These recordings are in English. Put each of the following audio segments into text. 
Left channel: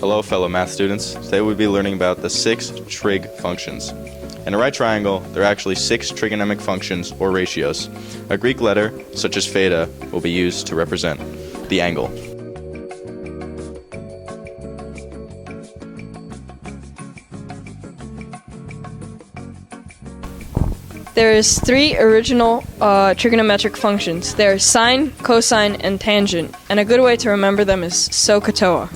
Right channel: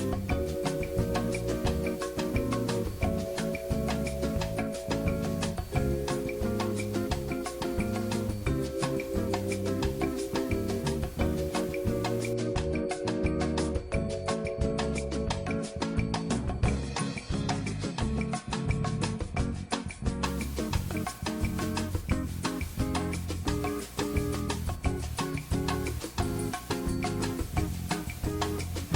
Hello fellow math students. Today we'll be learning about the 6 trig functions. In a right triangle, there are actually 6 trigonometric functions or ratios. A Greek letter, such as theta, will be used to represent the angle. There's 3 original trigonometric functions. They're sine, cosine, and tangent, and a good way to remember them is SOHCAHTOA.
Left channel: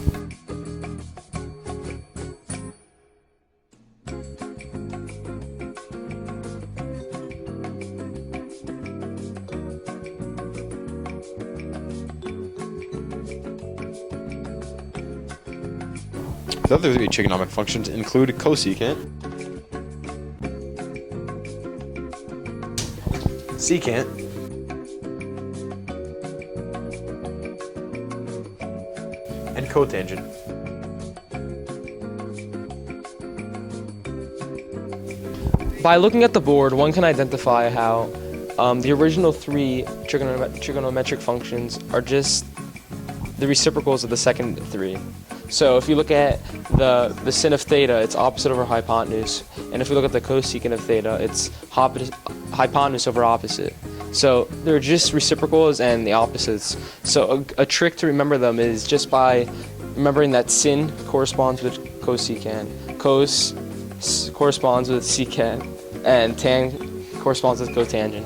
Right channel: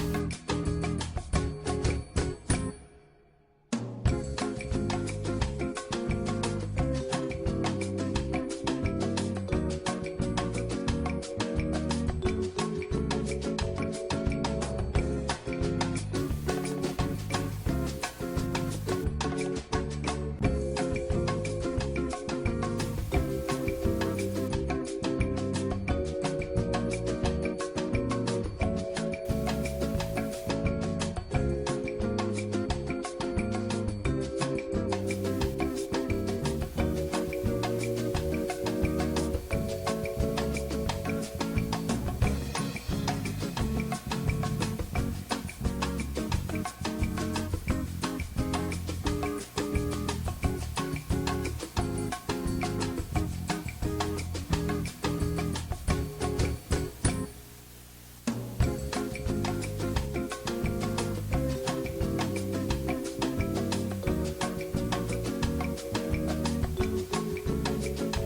The other 3 trigonometric functions include cosecant, secant, and cotangent. By looking at the board, one can identify how the original 3 trigonometric functions are just the reciprocals of the second 3. So if you look at the sin of theta, it's opposite over hypotenuse. And if you look at the cosecant of theta, it's hypotenuse over opposite. So they're just reciprocals and the opposites. So a trick to remember them is just by remembering that sin corresponds with cosecant, cos corresponds with secant, and tan corresponds with cotangent.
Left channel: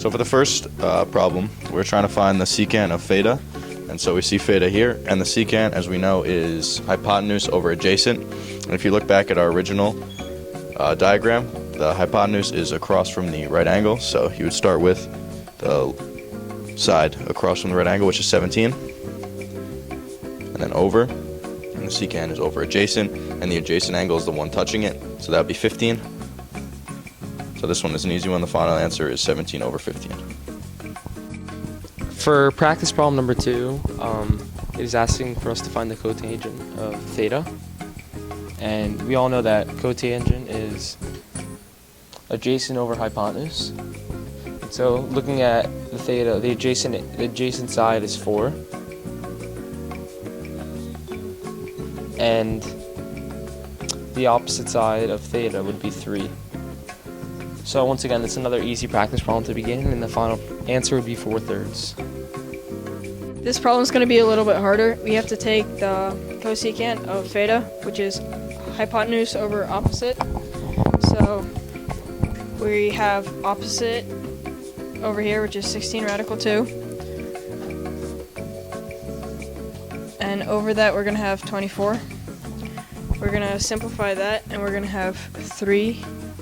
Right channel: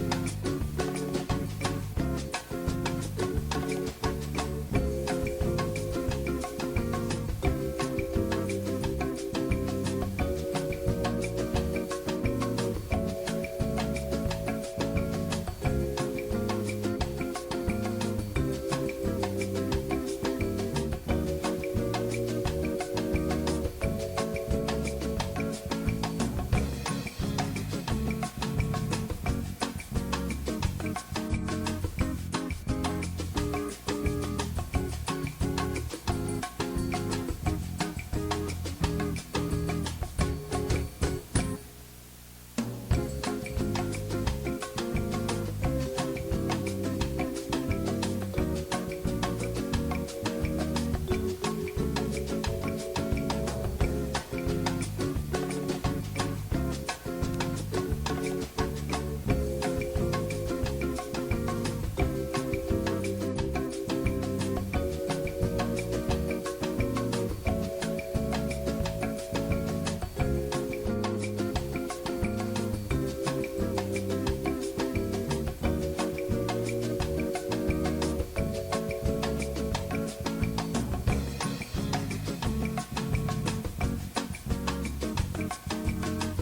So for the first problem, we're trying to find the secant of theta. And so we see theta here, and the secant, as we know, is hypotenuse over adjacent. And if you look back at our original diagram, the hypotenuse is across from the right angle, so you would start with the side across from the right angle, which is 17, and then over, and the secant is over adjacent, and the adjacent angle is the one touching it, so that would be 15. So this one is an easy one. The final answer is 17 over 15. For practice problem number 2, it is asking for us to find the cotangent of theta. And we all know that cotangent is adjacent over hypotenuse. So looking at the theta, the adjacent side is 4. And the opposite side of theta would be 3. So once again, it's another easy practice problem to begin, and the final answer would be 4/3. This problem is going to be a little bit harder. We have to take the cosecant of theta, which is hypotenuse over opposite. So we have opposite over here, which is 16 radical 2. And over that, we're going to have 24. We're going to simplify that, and we're going to have 3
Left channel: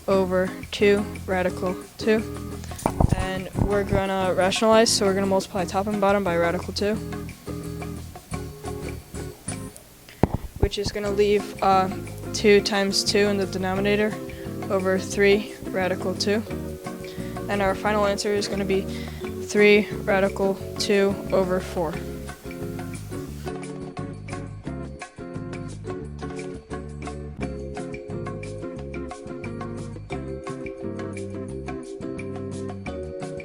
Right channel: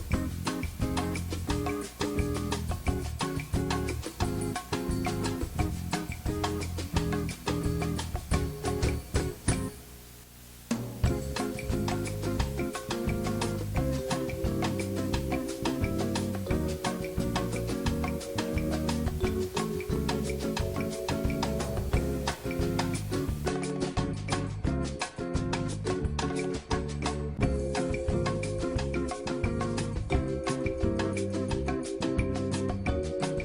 over 2 radical 2. And we're going to rationalize, so we're going to multiply top and bottom by radical 2. Which is going to leave 2 times 2 in the denominator over 3 radical 2. And our final answer is going to be 3 radical 2 over 4.